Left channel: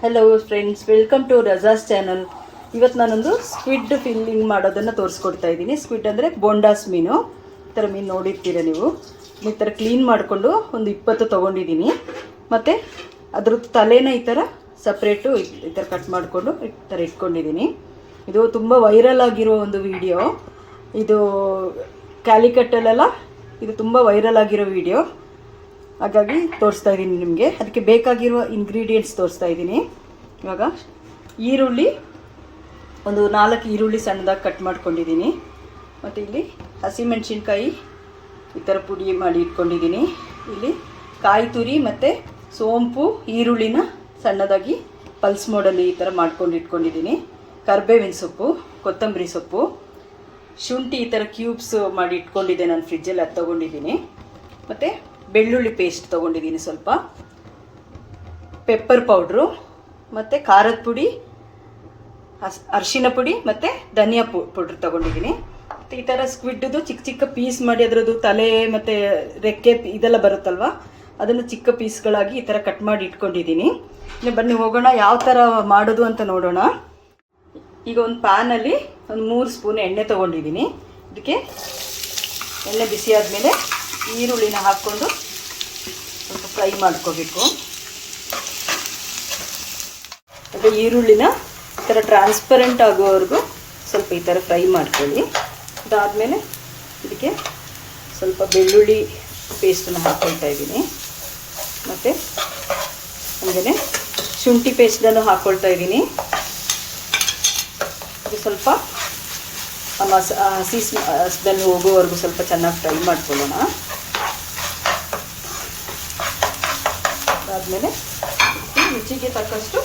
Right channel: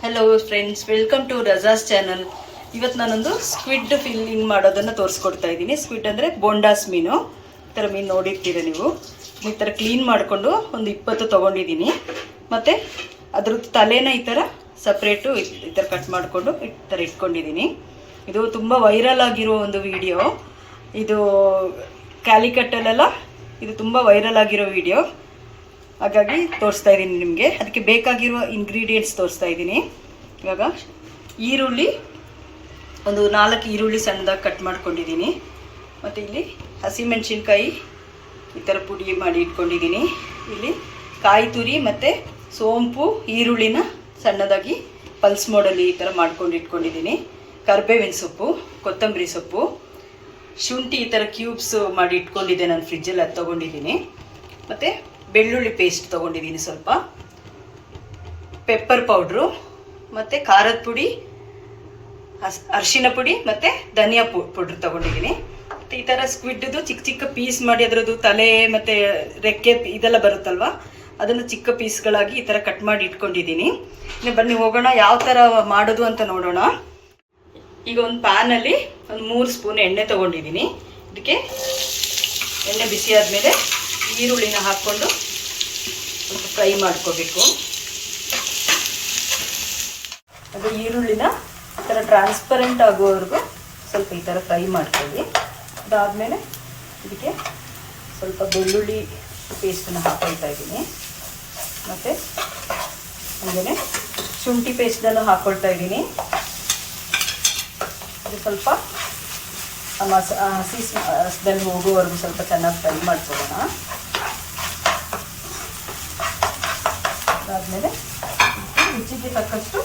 Hello friends, welcome to Raja's channel. ಇವತ್ತು ನಾನೊಂದು squid filling ಮಾಡೋದನ್ನು ತೋರಿಸ್ಕೊಡ್ತಾ ಇದ್ದೀನಿ. ಸ್ಕ್ವಿಡ್ ಅಂದರೆ ಬೋಂಡಾಸ್ ಮೀನು. ಈ ಥರ ಮೀನು ನೋಡಿರ್ತೀರ ನೀವು. ಈ ಥರ ಕ್ಲೀನ್ ಮಾಡಿಕೊಂಡು ಒಂದು 20 ತೊಗೊಂಡಿದ್ದೀನಿ. ಮತ್ತು ಅದ್ರದ್ದು ತಲೆನ ಈ ಥರ ಸಪ್ರೇಟು ಈ ಥರ ಕಟ್ ಮಾಡಿಕೊಂಡು ಈ ಥರ ಇಟ್ಕೊಂಡಿದ್ದೀನಿ. ಇದು ತುಂಬ ವೈರಲ್ ಆಗಿರೋ ಒಂದು ವಿಡಿಯೋ. ಇದು ಕ್ಯಾಲಿಕಟ್ಟಲ್ಲೆಲ್ಲ ಇದು ತುಂಬ ವೈರಲ್ ಆಗಿರೋ ವಿಡಿಯೋ. ಹಾಗಾಗಿ ತೋರಿಸ್ತಾ ಇದ್ದೀನಿ ನಿಮಗೆ. ಅದಕ್ಕೆ ಬೇಕಾಗಿರುವ ಇಂಗ್ರೀಡಿಯೆಂಟ್ಸ್ ತೋರಿಸ್ತಾ ಇದ್ದೀನಿ. ಇವಾಗ ಈರುಳ್ಳಿ ಒಂದು 4 ಈರುಳ್ಳಿ ಸಣ್ಣದಾಗಿ ಕಟ್ ಮಾಡ್ಕೊಂಡಿದ್ದೀನಿ. ಮತ್ತು ಇಲ್ಲಿ ಹಸಿಮೆಣಸಿನ್ಕಾಯಿ ಈ ಥರ ಪುಡಿ ಮಾಡಿ ಇಟ್ಕೊಂಡಿದ್ದೀನಿ. ಇಲ್ಲಿ ಕಾಯಿ ತುರಿ ಮತ್ತು ಸೋಂಪು ಈರುಳ್ಳಿನ ಸಣ್ಣದಾಗಿ ಪಲ್ಸ್ ಮೋಡಲ್ಲಿ ಈ ಥರ ಮಾಡ್ಕೊಂಡು ಇಟ್ಕೊಂಡಿದ್ದೀನಿ. ಕರಿಬೇವಿನ ಸೊಪ್ಪು, ಕೊತ್ತಂಬರಿ ಸೊಪ್ಪು, ಶುಂಠಿ ಈ ಥರ ಕ್ಯೂಬ್ಸ್ ಮಾಡಿ ಇಟ್ಕೊಂಡಿದ್ದೆ ನಾನು ಫ್ರಿಜ್ಜಲ್ಲಿ, ಅದು ತೊಗೊಂಡಿದ್ದೀನಿ. ಮತ್ತು ಬೆಳ್ಳುಳ್ಳಿ ಪೇಸ್ಟ್ ತೊಗೊಂಡಿದ್ದೀನಿ, ಸ್ವಲ್ಪ ಪೆಪ್ಪರ್ ಪೌಡ್ರು, ಮತ್ತು ಖಾರದ ಪುಡಿ, ಅರಿಶಿನ ಪುಡಿ ಮತ್ತು ಧನಿಯಾ ಪೌಡ್ರ್ ತೊಗೊಂಡಿದ್ದೀನಿ. ಮತ್ತು ಈ ಥರ ಸ್ಕ್ವಿಡ್ದು ಚಿಕ್ಕ ಚಿಕ್ಕ ಪೀಸ್ ಮಾಡಿ ಅದರದ್ದು ತಲೆ ಮತ್ತು ರೆಕ್ಕೆ ಇದೆಲ್ಲ ಬರುತ್ತಲ್ವ, ಅದನ್ನು ಚಿಕ್ಕ ಪೀಸ್ಗಳಾಗಿ ಈ ಥರ ಕಟ್ ಮಾಡಿ ಇಟ್ಕೊಂಡಿದ್ದೀನಿ. ಬನ್ನಿ ಹೋಗೋಣ ಯಾವ ಥರ ಮಾಡೋದು ಅಂತ ನೋಡೋಣ. ಈಗ ಒಂದು ಪ್ಯಾನಲ್ಲಿ ಒಂದು 3 ಸ್ಪೂನ್ ಎಣ್ಣೆ ತೊಗೊಂಡಿದ್ದೀನಿ. ಇದಕ್ಕೆ ಎಣ್ಣೆ ಬಿಸಿ ಆದಮೇಲೆ ಈರುಳ್ಳಿನ ಹಾಕ್ಕೊಂಡು ಸ್ವಲ್ಪ ಫ್ರೈ ಮಾಡ್ಕೋಬೇಕು. ಅದು ಈರುಳ್ಳಿನ ಈ ಥರ ಟ್ರಾನ್ಸ್ಪರೆಂಟ್ ಆಗೋವರೆಗೂ ಸ್ವಲ್ಪ ಈ ಥರ ಫ್ರೈ ಮಾಡ್ಕೊಳ್ಳಿ. ಅದಾದಮೇಲೆ ಇದಕ್ಕೆ ಸ್ವಲ್ಪ ಬೆಳ್ಳುಳ್ಳಿ ಪೇಸ್ಟನ್ನು ಹಾಕ್ಕೊಳ್ತಾ ಇದ್ದೀನಿ. ಮತ್ತು ಹಾಗೆಯೇ ಶುಂಠಿ ಪೇಸ್ಟನ್ನು ಹಾಕ್ಕೊಳ್ತಾ ಇದ್ದೀನಿ. ಇದು ಸ್ವಲ್ಪ ಹಸಿ ಸ್ಮೆಲ್ ಹೋಗೋವರೆಗೂ ಸ್ವಲ್ಪ ಚೆನ್ನಾಗಿ ಫ್ರೈ ಮಾಡ್ಕೊಳ್ಳೋಣ. ಅದಾದಮೇಲೆ ರುಚಿಗೆ ತಕ್ಕಷ್ಟು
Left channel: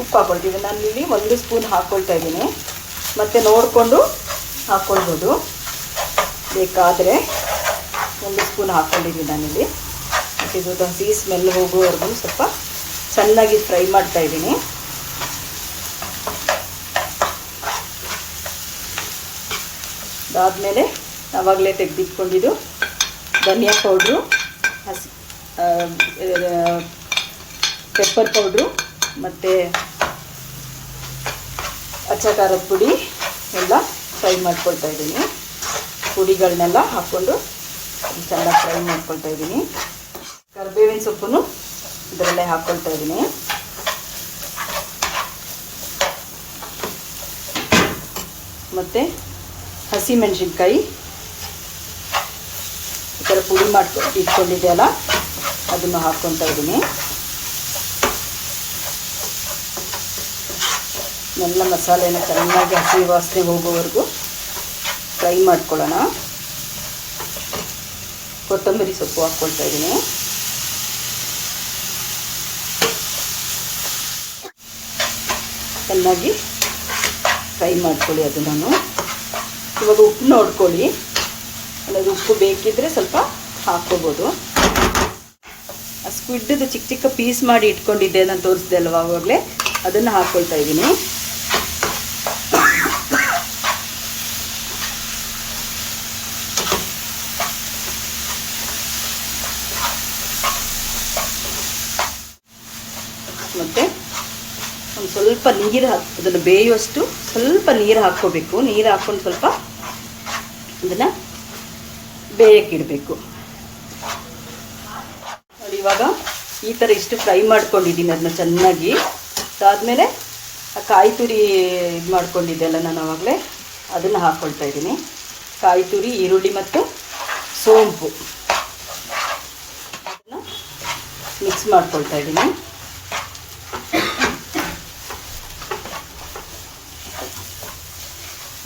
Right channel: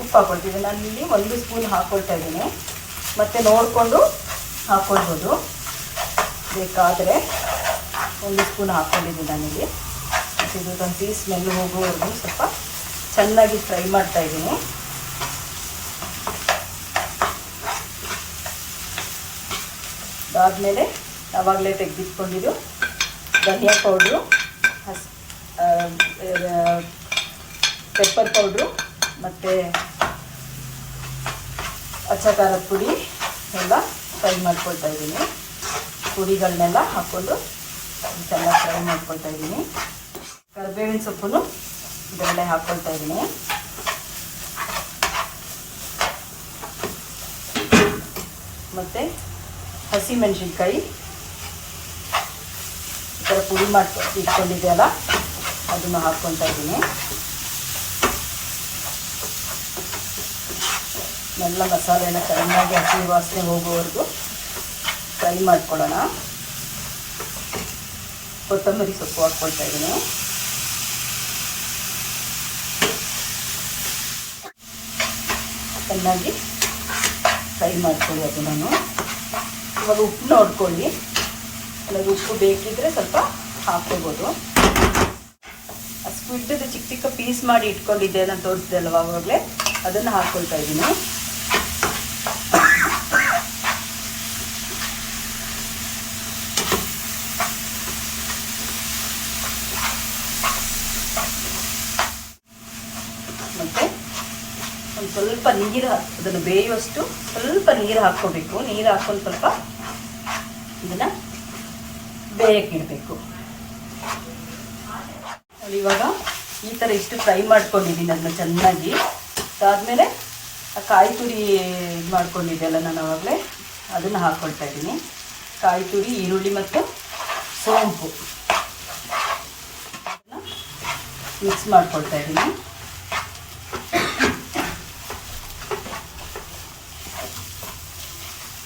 ಉಪ್ಪು ಹಾಕೊಳ್ತೀವಿ. ನಾನು ಇಲ್ಲಿ 1 ಸ್ಪೂನ್ ಹಾಕ್ಕೊಳ್ತಾ ಇದ್ದೀನಿ. ಮತ್ತು ನೋಡಿಕೊಂಡು ಹಾಕ್ಕೊಳ್ಬೋದು, ಬೇಕಾದರೆ 1 ಸ್ಪೂನ್ ಹಾಕ್ಕೊಂಡಿದ್ದೀನಿ ನಾನಿಲ್ಲಿ. ಮತ್ತು ಇದೊಂದು ಹಸಿ ಸ್ಮೆಲ್ ಹೋಗುವವರೆಗೂ ಸ್ವಲ್ಪ ಚೆನ್ನಾಗಿ ಫ್ರೈ ಮಾಡ್ತಾ ಇದ್ದೀನಿ. ಅದಾದಮೇಲೆ ಆವಾಗಲೇ ತೆಗೆದಿಟ್ಕೊಂಡಿದ್ದು ಧನಿಯಾ ಪೌಡ್ರು, ಪೆಪ್ಪರ್ ಪೌಡ್ರು ಮತ್ತು ಅಚ್ಚ ಖಾರದ ಪುಡಿ ಎಲ್ಲ ಫ್ರೈ ಮಾಡ್ಕೊಳ್ತಾ ಇದ್ದೀನಿ. ಪುಡಿಗಳನ್ನೆಲ್ಲ ಹಾಕ್ಕೊಂಡು ಚೆನ್ನಾಗಿ ಫ್ರೈ ಮಾಡ್ಕೊಳ್ತಾ ಇದ್ದೀನಿ. ಕರಿಬೇವಿನ ಸೊಪ್ಪನ್ನು ಇದರಲ್ಲೇ ಹಾಕ್ಕೊಳ್ತಾ ಇದ್ದೀನಿ. ಮತ್ತು ಹಸಿಮೆಣಸಿನ್ಕಾಯಿ ಈ ಥರ ಪುಡಿ ಇಟ್ಕೊಂಡಿದ್ದೆಲ್ಲ ಅದನ್ನು ಹಾಕ್ಕೊಳ್ತಾ ಇದ್ದೀನಿ. ಎಲ್ಲ ಮಸಾಲೆನ ಚೆನ್ನಾಗಿ ಹಸಿ ವಾಸನೆ ಹೋಗೋವರೆಗೂ ಫ್ರೈ ಮಾಡ್ಕೊಳ್ಳೋಣ. ಕೊತ್ತಂಬರಿ ಸೊಪ್ಪು ಹಾಕ್ಕೊಳ್ತಾ ಇದ್ದೀನಿ. ಚೆನ್ನಾಗಿ ಫ್ರೈ ಮಾಡ್ಕೊಳ್ಳಿ ಅದನ್ನು. ಇವಾಗ ಉಪ್ಪು ನೋಡ್ಕೊಳ್ಳಿ, ಅಂದರೆ ಉಪ್ಪು ಬೇಕಿದ್ರೆ ಸ್ವಲ್ಪ ಹಾಕ್ಕೋಬೋದು. ಸ್ಕ್ವಿಡ್ದು ಚಿಕ್ಕ ಚಿಕ್ಕ ಪೀಸ್ ಮಾಡಿ ಇಟ್ಕೊಂಡಿದ್ದೆ, ನಾನು ತೋರಿಸಿದೆ ಅಲ್ವ ಆವಾಗಲೇ, ಅದನ್ನು ಹಾಕ್ಕೊಳ್ತಾ ಇದ್ದೀನಿ. ಮತ್ತು ಒಂದು ಸ್ವಲ್ಪ ನೀರು ಅದನ್ನು ಬೇಯುವಷ್ಟು ಸ್ವಲ್ಪ ನೀರು ಹಾಕ್ಕೋಬೇಕು. ನೀರು ಹಾಕ್ಕೊಂಡು ಸ್ವಲ್ಪ ಇದನ್ನು ಬೇಯಕ್ಕಿಡಬೇಕು. ಇವಾಗ ಈ ಥರ ಇಷ್ಟು ಫ್ರೈ ಮಾಡ್ಕೊಂಡಿದ್ದೀನಿ ಅದನ್ನ ಚೆನ್ನಾಗಿ. ಅದಾದಮೇಲೆ ಕಾಯಿ ತುರಿ ಇದು ಮಾಡ್ಕೊಂಡಿದ್ದೆಲ್ಲ ನಾನು ಆವಾಗಲೇ, ಅದನ್ನು ಹಾಕ್ಕೊಳ್ತಾ ಇದ್ದೀನಿ. ಕಾಯಿ ತುರಿ, ಈರುಳ್ಳಿ ಮತ್ತು ಸೋಂಪು ಮಿಕ್ಸ್ ಮಾಡ್ಕೊಳ್ತಾ ಇದ್ದೀನಿ.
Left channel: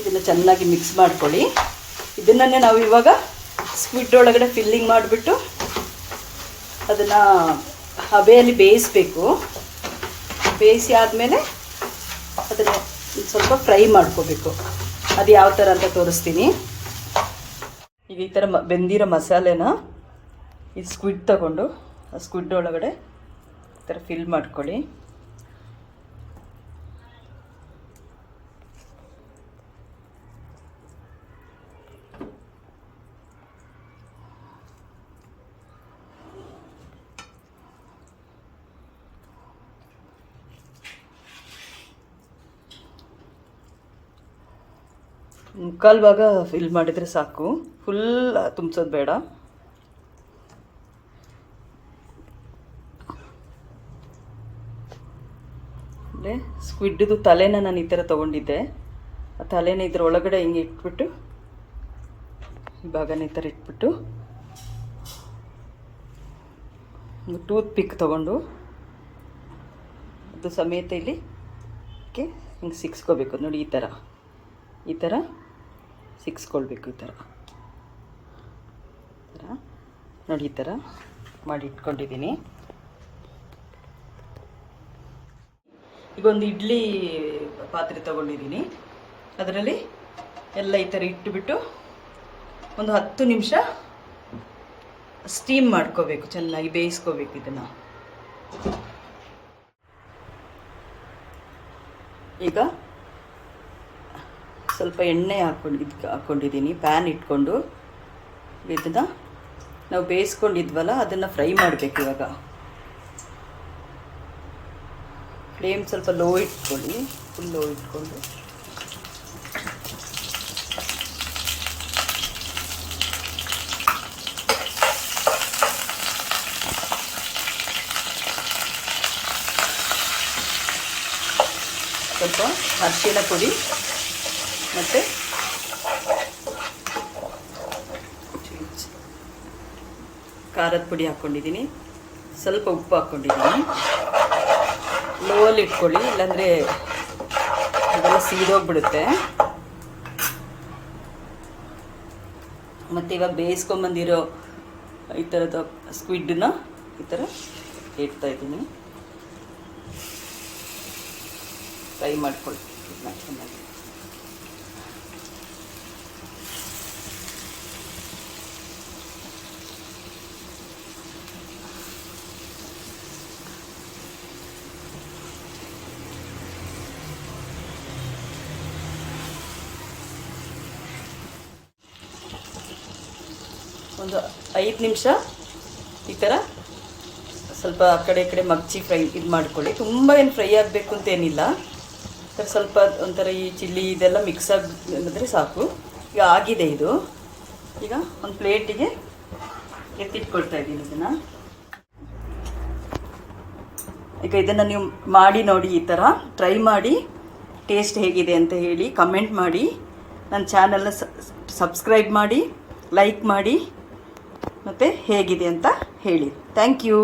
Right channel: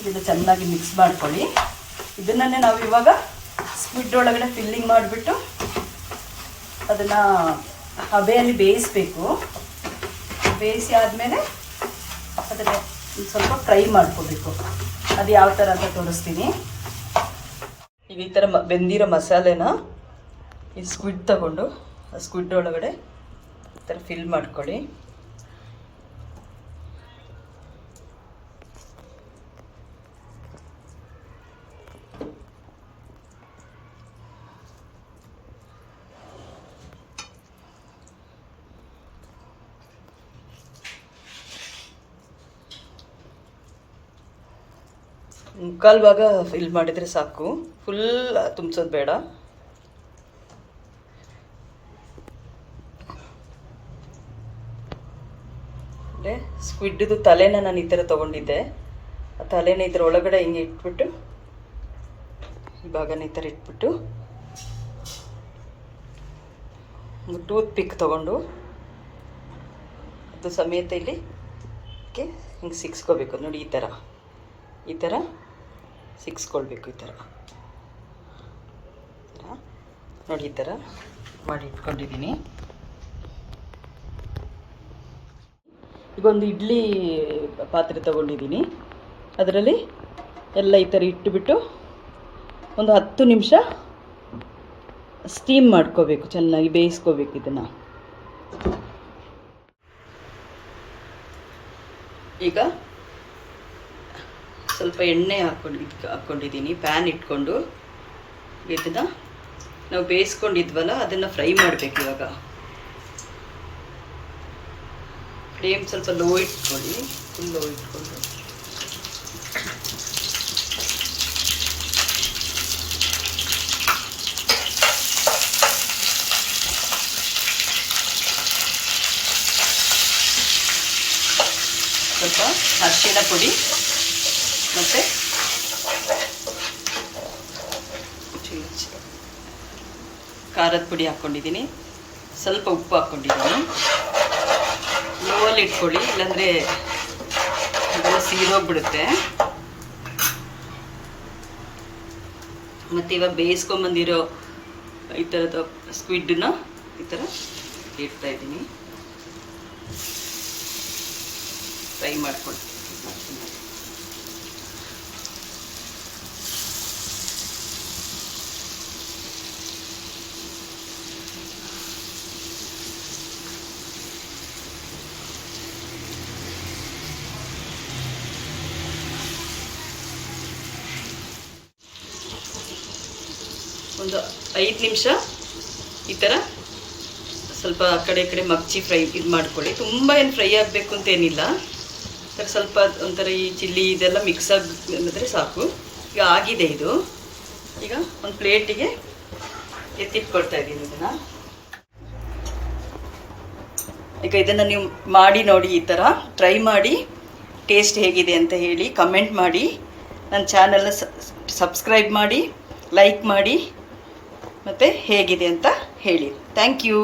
ಇದನ್ನು ಚೆನ್ನಾಗಿ ಮಿಕ್ಸ್ ಮಾಡ್ಕೊಳ್ಳಿ. ಇದನ್ನೇ ನಾವು ಇವಾಗ ಸ್ಕ್ವಿಡ್ ಒಳಗಡೆ ಫಿಲ್ಲಿಂಗ್ ಮಾಡಿಬಿಟ್ಟು ಅದನ್ನು ಹಬೆಯಲ್ಲಿ ಬೇಯಿಸಬೇಕು. ಬೇಯಿಸಿ ಆದಮೇಲೆ ಅದನ್ನು ಸ್ವಲ್ಪ ಫ್ರೈ ಮಾಡ್ಕೋಬೇಕು. ಅದು ಯಾವ ಥರ ಅಂತ ತೋರಿಸ್ತೀನಿ. ಈಗ ಈ ಥರ ಬೆಂದಿರೋ ಮಸಾಲೆನ ಈ ಸ್ಕ್ವಿಡ್ ತಗೊಂಡು ಆ ಸ್ಕ್ವಿಡ್ ಒಳಗಡೆ ಈ ಥರ ಫಿಲ್ ಮಾಡ್ಕೊಳ್ಳಿ. ಮುಕ್ಕಾಲು ಭಾಗ ಫಿಲ್ ಮಾಡಿದರೆ ಸಾಕು, ಫುಲ್ ತುಂಬಿಸೋದು ಬೇಡ. ಅಂದರೆ ಸ್ಕ್ವಿಡ್ದು ತಲೆನ ನಾನು ಈ ಥರ ತೊಗೊಂಡಿದ್ದೆ. ಆ ತಲೆನ ಇದ್ರ ಒಳಗಡೆ ಹಿಂಗೆ ಇಟ್ಬಿಟ್ಟು ಈ ಭಾಗನ ಈ ಥರ ಇಟ್ಬಿಟ್ಟು ಟೂತ್ ಪಿಕ್ ತೊಗೊಂಡು ಅದು ಸಮೇತ ಇಲ್ಲಿ ಹಿಂಗೆ ಸಿಕ್ಸ್ಕೋಬೇಕು ನೋಡಿ. ಈ ಥರ ಸಿಕ್ಸ್ಕೊಳ್ಬೇಕು. ಈ ಥರ ನೋಡಿ, ಈ ಥರ ಮಾಡಿ ಇಟ್ಕೊಂಡಿದ್ದೀನಿ. ಈಗ ಒಂದು ಇಡ್ಲಿ ಪಾತ್ರೆ ತೊಗೊಂಡಿದ್ದೀನಿ. ಅದರಲ್ಲಿ ಎಲ್ಲ ಈ ಥರ ಇಟ್ಟುಬಿಟ್ಟು ಒಂದು 10 ನಿಮಿಷ ಸ್ಟೀಮ್ ಮಾಡ್ಕೋಬೇಕು, ಚೆನ್ನಾಗಿ ಬೇಯಿಸ್ಕೋಬೇಕು ಇದನ್ನು. ಈಗ ಸ್ವಲ್ಪ ಎಣ್ಣೆ ಹಾಕ್ಕೊಂಡಿದ್ದೀನಿ. ಪ್ಯಾನ್ ಇಟ್ಕೊಂಡು ಇದನ್ನು ನಾವು ಬೇಯಿಸ್ಕೊಂಡಿದ್ವಲ್ಲ ಅದನ್ನು ಫ್ರೈ ಮಾಡಬೇಕು. ಇವಾಗ ಫ್ಲೇಮ್ ಸ್ವಲ್ಪ ಲೋ ಇಟ್ಕೊಳ್ಳಿ, ಫುಲ್ ಲೋ ಇಟ್ಕೊಂಡು ಸ್ವಲ್ಪ ಅರಿಶಿಣ ಪುಡಿ ಮತ್ತು ಖಾರದ ಪುಡಿ ಹಾಕ್ಕೊಂಡಿದ್ದೀನಿ, ಸ್ವಲ್ಪ ಉಪ್ಪು ಹಾಕ್ಕೊಂಡಿದ್ದೀನಿ. ಲೋವಲ್ಲಿ ಇಟ್ಕೊಳ್ಳಿ, ಇಲ್ಲಾಂದರೆ ಇದೆಲ್ಲ ಸೀದೋಗ್ಬಿಡುತ್ತೆ. ಮತ್ತು ಇವಾಗ ಬೇಯಿಸ್ಕೊಂಬಂದಿರೋ ಈ ಥರದ ಸ್ಕ್ವಿಡ್ನ ಈ ಥರ ಇಡ್ತಾಯಿದ್ದೀನಿ. ಫ್ರೈ ಮಾಡ್ಕೊಳ್ತೀನಿ. ಒಂದು 5 ನಿಮಿಷ ಈ ಥರ ಸ್ವಲ್ಪ ಆ ಕಡೆ ಈ ಕಡೆ ಮಗ್ಚಿ ಫ್ರೈ ಇದು ಮಾಡ್ಕೊಳ್ಳಿ. ತುಂಬ ಏನು ಫ್ರೈ ಆಗಬೇಕು ಅಂತೇನಿಲ್ಲ. ಸ್ವಲ್ಪ ಒಂಥರ ಈ ಚಿಲ್ಲಿ ಇದೆಲ್ಲ ಮಿಕ್ಸ್ ಆಗಿದ್ರೆ ಸಾಕು. ಈಗ ಆಗಿದೆ ಇದು. ಈಗ ಒಂದು ಪ್ಲೇಟಿಗೆ ಎತ್ತಿಟ್ಕೊಳ್ತಾ ಇದ್ದೀನಿ ಇದನ್ನು. ಈಗ ಇದನ್ನು ನೀವು ಮಾಡಿ ನೋಡಿ, ಈ ಥರ ಟ್ರೈ ಮಾಡಿ ಟೇಸ್ಟ್ ಹೇಗಿದೆ ಅಂತ ಹೇಳಿ ಕಮೆಂಟ್ ಮಾಡಿ. ನನ್ನ ಚಾನಲ್ನ ಸಬ್ಸ್ಕ್ರೈಬ್ ಮಾಡಿ, ಲೈಕ್ ಮಾಡಿ, ಮತ್ತು ಹೇಗಿದೆ ಅಂತ ಹೇಳಿ. Thank you.